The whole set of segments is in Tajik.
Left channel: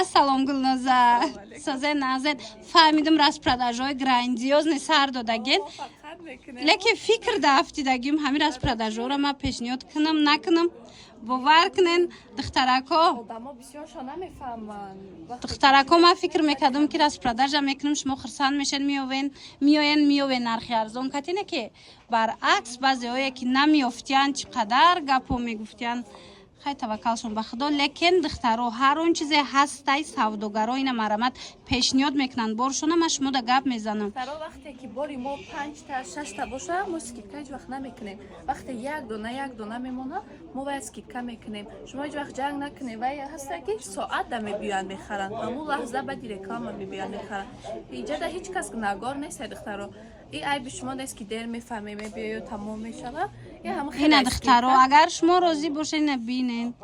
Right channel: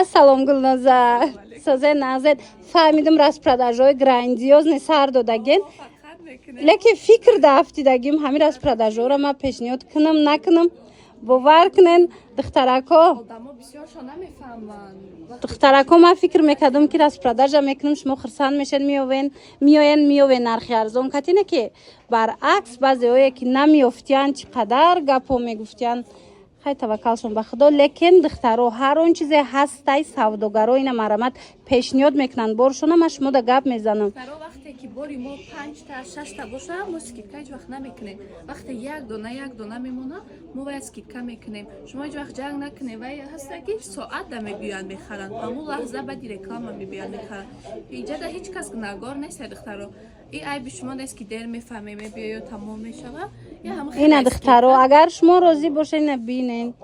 Ассалом Гулноза. Соза назад фаҳмидам распродажҳои грандиозни сар додаген. Лекин фикр дафтидагим ҳами распродажҳоро ман пешниҳод кунам накунам. Бовар кунен духтарако. Духтарако ман фикр мекардам ки распродажа мекунам шумо хурсанд мешед миёен нархи арзон катине ки баръакс баъзеое ки намеёфтиянд чӣ қадар гапо мегуфтиянд. خیلی توکلشون به خدا لیکن دخترها هر اون چیزی هستای سوداگرای اینا مرامت پیشنهاد میکنن بارشون ما شما دا گپ میزنن دخترها وقتی که باری ما 5 تا 6 تا باشه ما اسکیکا هیچ وقت نمیکنیم وقتی یک دونه میمونه ما اسکیکا میکنیم شما هیچ وقت جنگ نکنید و هستا که ساعت دا میبیان میخرن همون لحظه بعد رکلام میبیان میخرن اینجا دا هیچ کس نگار نیست دخترها این عیب شما نیست که دیر میفهمیم میبیه تمام میشه یا همون خیلی اینا دخترها اگر شما راضی باشین ببینین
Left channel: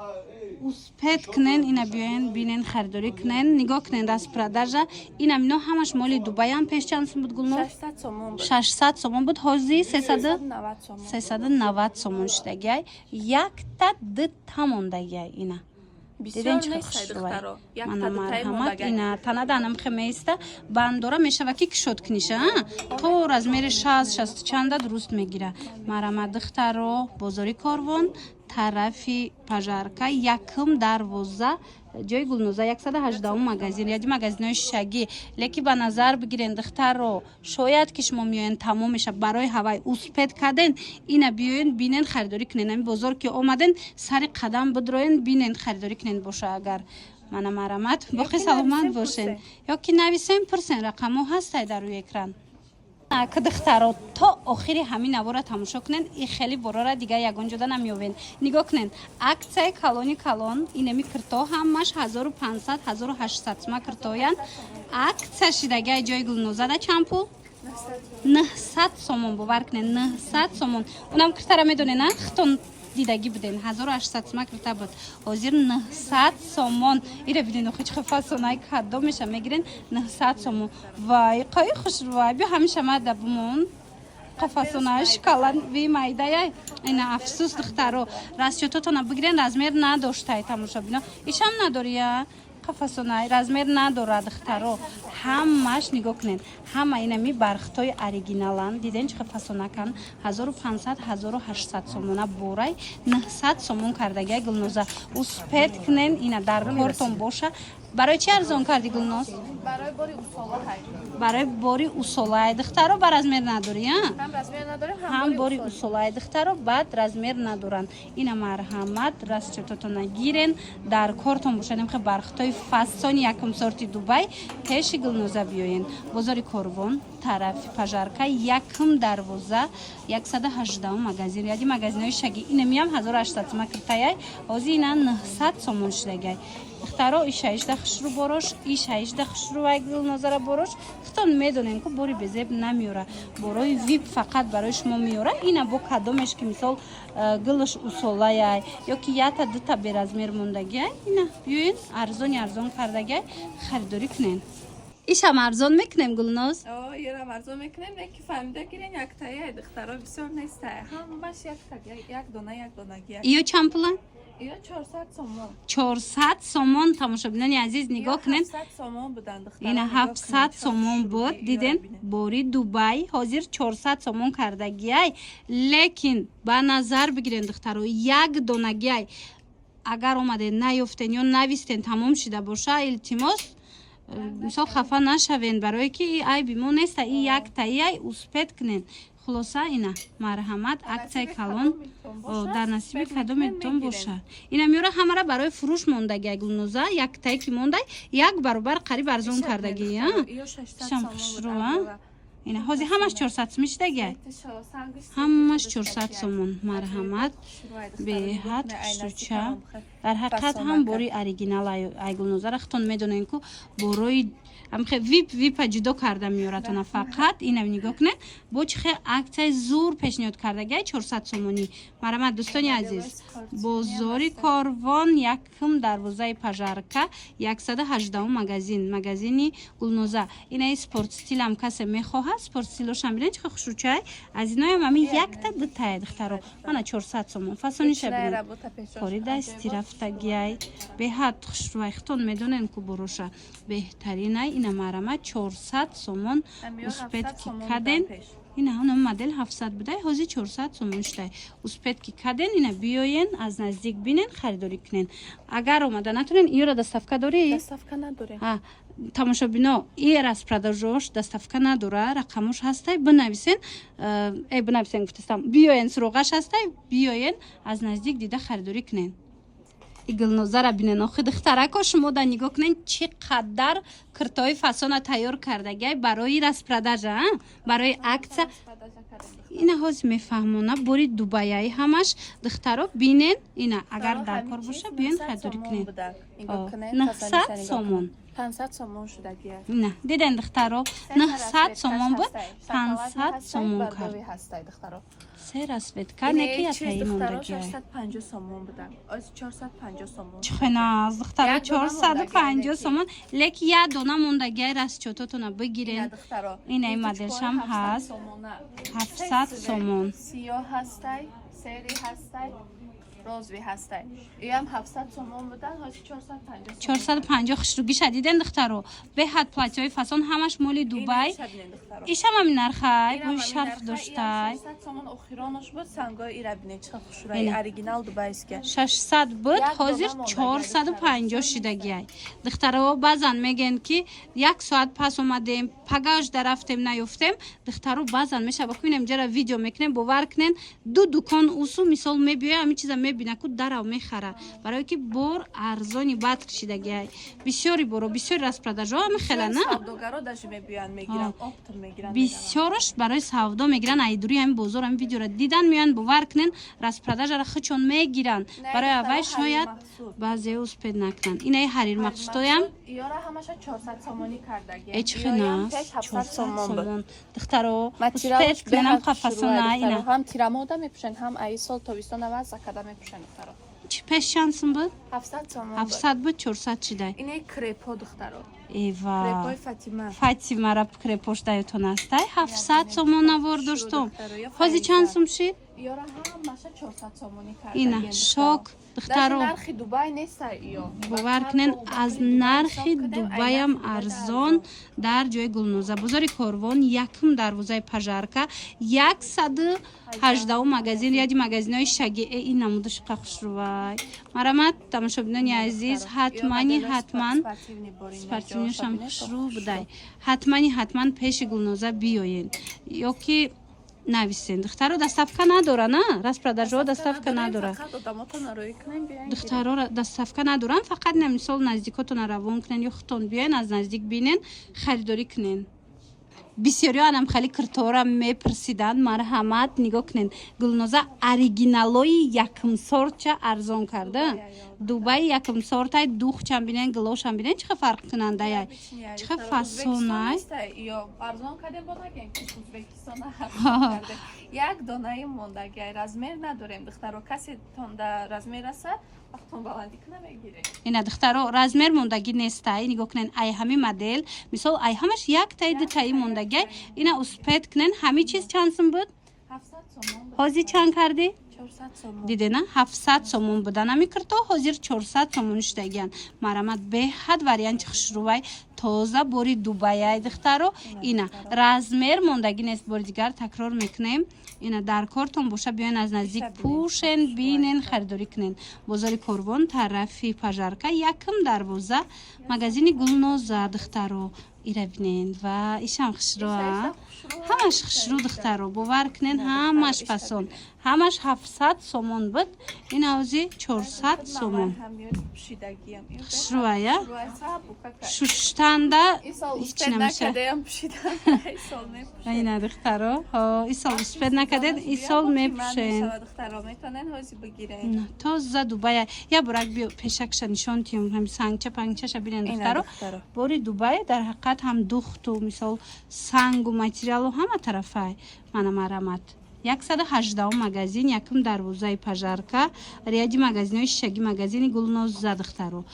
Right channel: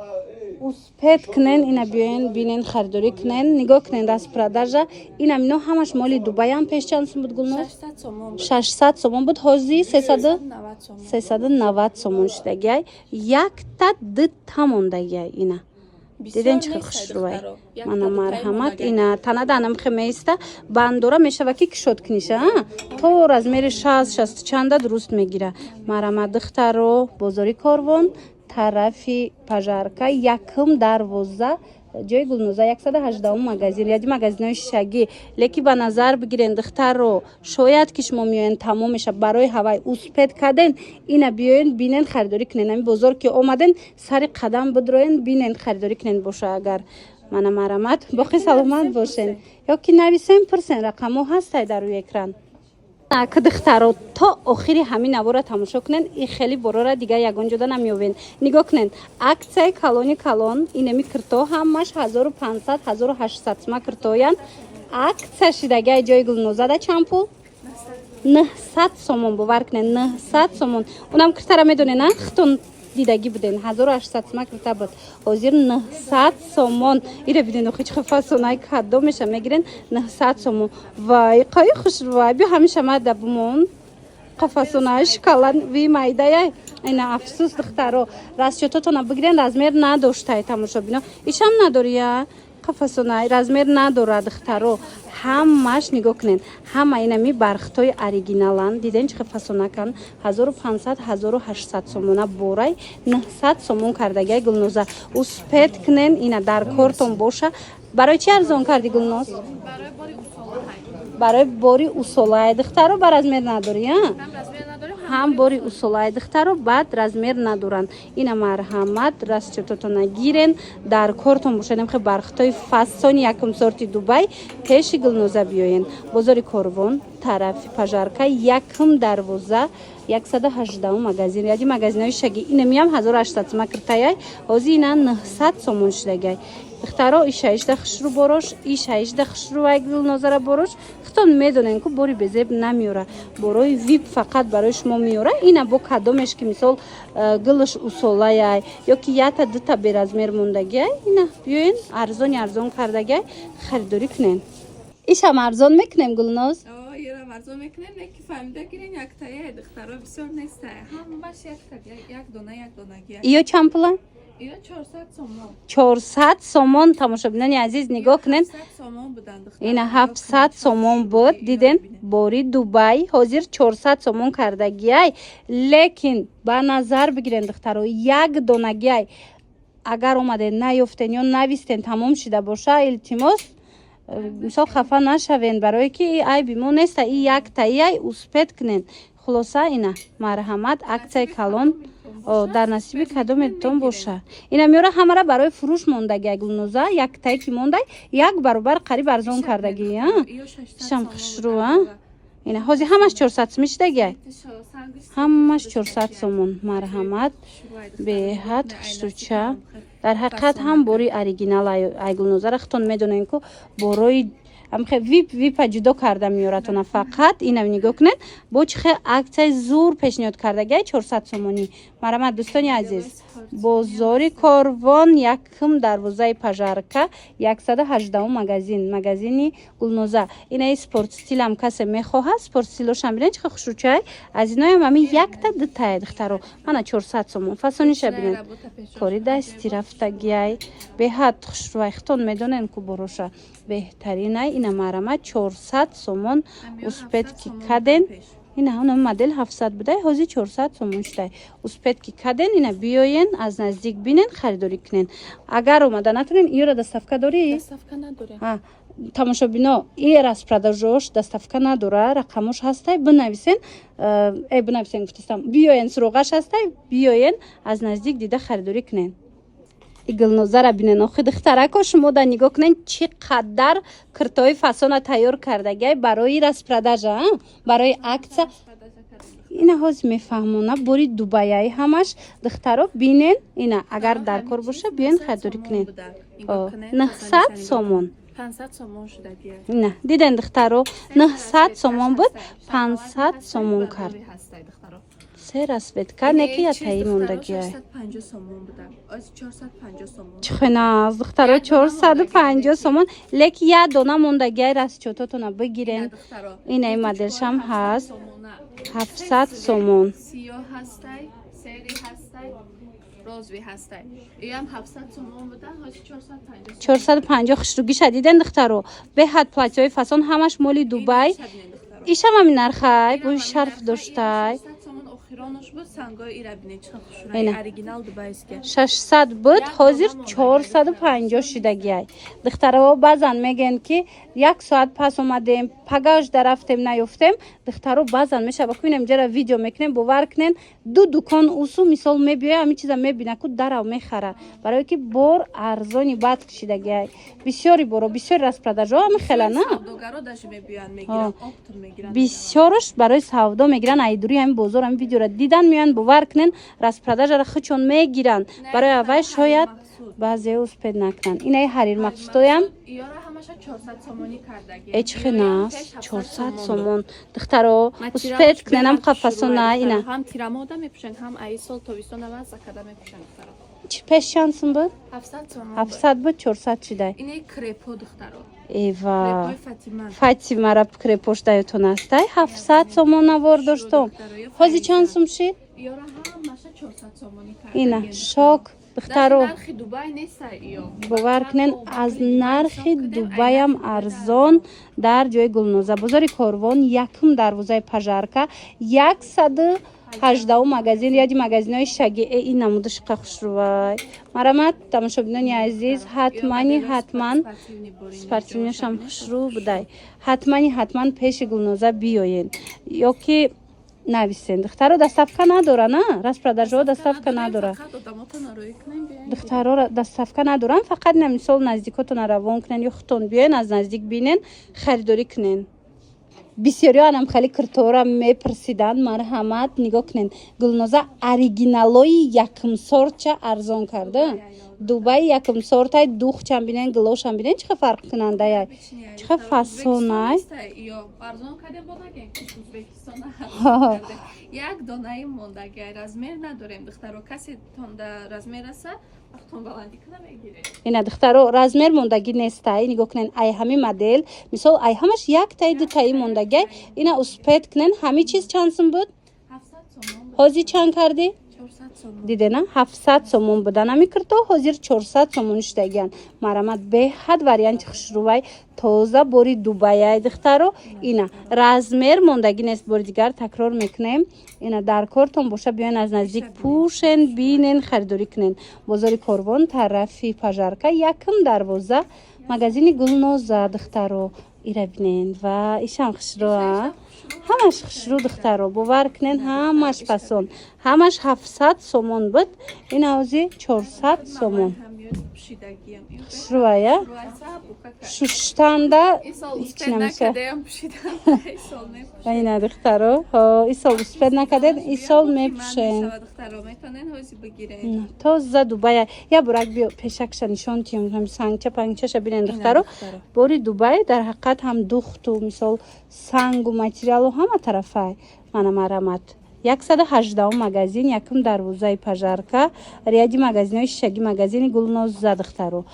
успет кунен ина биёен бинен харидорӣ кунен нигоҳ кунен распродажа ина мино ҳамаш моли дубай ам пеш чанд сум буд гулно 600 сомон буд ҳозир 390 сомон шудагиай якта дитта мондагиай ина диден чӣ хушрӯй мана марҳамат ина танаданам химеиста бандора мешава ки кишод куниша то размери 60 чанда дуруст мегира марҳамат духтаро бозори корвон тарафи пажарка якм дарвоза ҷои гулноза 118 магазин яди магазинои шишагӣ леки ба назар бигирен духтарро шояд ки шумо миёен тамом меша барои ҳавай успет карден ина биёен бинен харидорӣ кунен ами бозор ки омаден сари қадам бидроен бинен харидорӣ кунен боша агар мана марамат боқи саломат бошен ё ки нависем пурсен рақамо ҳастай дар рӯи экран духтаро то охири ҳамин навора тамошо кунен и хеле борора дигар ягон ҷода намеёвен нигоҳ кунен аксияи калони калон инами кирто ҳамаш 1500 1800 сума киртоян аксия шидагиай ҷои гулнозада чанд пул 900 сомон бовар кунен 900 сомон унам киртара медонена хитон дидаги буден 1800 сума кирта буд ҳозир 900 сомон ире биден охи чӣ фасонаи кадо меша мегирен 900 сомон вай қай хушрӯй бё ҳамеша мада бумон қафасонаи шоколад ви майдаяй ина афсус духтаро расчётотона бигирен размер надоштай тамошо бино ишам надория қафасонаи размер надора духтаро ҳамаш нигоҳ кунен ҳама инами бархтои оригиналан диден чӣ фасонакан 1500 1800 сомона борай 900 сомон кардагиай гулноза успет кунен ина дар кортон боша барои чӣ арзон карди гулноз барои бори усолаи духтаро ба размер надори ҳам бори усолаи духтаро баъд размер надоранд ина марҳамат расчётотона гирен дар кортон бошад хе бархтои фасони якум сорти дубай пеши гулноза биёен бозори корвон тарафи пажарка якм дарвоза 118 магазин яди магазинои шаги инамиам 1800 сума киртаяй ҳозир ина 900 сомон шудагай духтаро ишаишда хушрӯ борош ишаишда хушрӯвай гулнозара борош хитон медонен ки бори безеб намеёра борои вип фақат барои шумо меёра ина бо кадомеш ки мисол гилш усолаяй ё ки якта дута беразмер мондагиай ина биёен арзон кардагиай харидорӣ кунен ишам арзон мекунем гулноз ярам арзон мекунем леки фаҳмида гирен яктаяй духтаро бисёр нестая ҳамаш як донагия ё чанд пула 400 сомон 400 сомон тамошобинони азиз нигоҳ кунен ина 700 сомон буд диден бори дубай ҳозир 400 сомон кардагиай лекин ба назар бигирен духтаро як донагиай агар омаден наёфтен ё навистен тамом шида боша илтимос мисол хафа нашавен барое ки айби мо неста и яктаиай успет кунен хулоса ина марҳамат аксияи калон дар насиби кадометон боша ина меёра ҳамара барои фурӯш мондагиай гулноза яктае ки мондай як баробар қариб арзон кардагӣ шам хушрӯ ина ҳозир ҳамаш 400 сум шидагиай ҳамаш 400 сомон марҳамат беҳад хушрӯча дар ҳақиқат ҳам бори оригинал ай гулнозара хитон медонен ку борои амхе вип ҷудо карда меёратона фақат инам нигоҳ кунед бо чихе аксияи зур пешниҳод кардагиай 400 сомонӣ. Марамат дӯстони азиз, бозори Корвон якум дарвозаи Пажарка 118 магазини Гулноза. Инаи спортстилам касе мехоҳад спортстилошам бинед чихе хушрӯчай аз иноям ами якта дутае духтаро мана 400 сомон фасониша бинед кори дасти рафтагиай беҳад хушрӯай хитон медонен ку бороша беҳтаринай ина марамат 400 сомон успетки каден ина он модель 700 будай ҳозир 400 сомон шудай успетки каден ина биёен аз наздик бинен харидорӣ кунен. Агар омада натонен иёра доставка дорӣ? Доставка надорем. Тамошобино ир аз продажош доставка надора рақамош ҳастай бинависен бинависен гуфтастам биёен суроғаш ҳастай биёен аз наздик дида харидорӣ кунен. Гулнозара бинен охи духтарако шумо да нигоҳ кунен чӣ қадар киртои фасона тайёр кардагиай барои распродажа барои акция ина ҳозир мефаҳмона бори дубаяи ҳамаш духтаро бинен ина агар дар кор боша биёен харидорӣ кунен 900 сомон 500 сомон шудагиай. ина диден духтаро 900 сомон буд 500 сомон кард се расветка неки ятаи мондагиай 450 сомон буда. Аз 450 сомон. чихена духтаро 450 сомон леки я дона мондагиай расчототона бигирен. Инаи моделшам ҳаст 700 сомон. Сиёҳ ҳастай, сери ҳастай, розви ҳастай. Иам 700 сомон буда, ҳозир 450. 450 хушругиша диден духтаро беҳад платьёи фасон ҳамаш моли Дубай. Ишам ҳамин нархай бо шарф доштай 600 буд ҳозир 450 шудагиай. духтаро баъзан мегӯянд ки 1 соат пас омадем пагаш дарафтем наёфтем духтаро баъзан мешаба ку инам ҷара видео мекунем бовар кунен ду дукон усу мисол мебиёя ҳамин чиза мебина ку дарав мехара барое ки бор арзони бад кишидагиай бисёри боро бисёри распродажо ҳами хела на бисёрош барои савдо мегиран айдури ҳамин бозор ҳамин видеоро дидан меоянд бовар кунен распродажара хичон мегиранд барои аввал шояд баъзеҳо успед накунанд. Инаи ҳарир мақсудоям эчхина 400 сомон духтаро успед куненам қафасона ина ҳам тирамода мепӯшанд ҳам айсол тобистон аваз закада мепӯшанд духтаро пеш чансум буд 700 сомон 700 буд 400 шудай инаи крепо духтаро эва крепои фатимара крепош даётон астай 700 сомон навор доштум ҳозир чанд сум шид иёра ҳамаша 400 сомонӣ ина шок духтаро нархи Дубай неста иё бовар кунен аз нархи Дубайам арзон дар ҷои Гулноза бозори Корвон якум дарвозаи Пажарка 118 магазин яди магазинои шагиэ ин намуди шуқа хушрӯвай марамат тамошобинони азиз ҳатман спортивнишам хушрӯ будай ҳатман пеши Гулноза биёен ё ки нависен духтаро доставка надора на распродажо доставка надора духтаро доставка надоран фақат на мисол наздикотона равон кунен ё хутон биёен аз наздик бинен харидорӣ кунен бисёриҳо анам хеле киртора мепирсиданд марҳамат нигоҳ кунен Гулноза оригиналои якумсортча арзон карда Дубай якумсортай духчам бинен гилошам бинен чихе фарқкунандаяй чихе фасонай як донаи мондагиай размер надорем духтаро касе тонда размер аса вақтон баландӣ кунам мегирем ина духтаро размер мондагӣ нестай нигоҳ кунен ай ҳами модел мисол ай ҳамаш яктаи дутаи мондагиай ина успед кунен ҳами чиз чанд сум буд 700 сомон ҳозир чанд карди 400 сомон дидена 700 сомон будан ами кирто ҳозир 400 сомон шудагиан марамат беҳад варианти хушрӯвай тоза бори Дубаяи духтаро ина размер мондагӣ нест бори дигар такрор мекунем ина дар кортон боша биёен аз наздик пӯшен бинен харидорӣ кунен бозори Корвон тарафи Пажарка якум дарвоза магазини Гулноза духтаро ира бинен ва ишам хушрӯа ҳамаш хушрӯ духтаро бовар кунен, ҳамаш пасон, ҳамаш 700 сомон буд, ин авзи 400 сомон. Хушрӯая шуштанда ҳеч намеша. Айна духтаро, исол успед накардед, исол мепушен. Тоза Дубай. Я бурак биё пешакша нишон тиём, ҳам сангча пангчаша бинен духтаро. Бори Дубай дар ҳақиқат ҳам духту мисол сангу материалу ҳама тарафай мана марамат. 118 магазин, якум дарвозаи пажарка, ряди магазинои шишагӣ, магазини Гулноз задухтаро.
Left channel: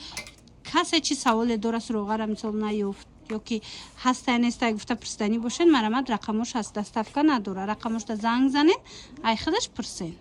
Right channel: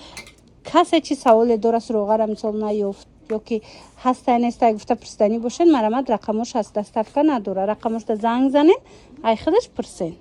Касе чи саволе дора суроғара мисол наёфт ё ки ҳастая нестая гуфта пурсиданӣ бошед, марамат рақамош ҳаст, доставка надора, рақамошда занг занед, ай худаш пурсед.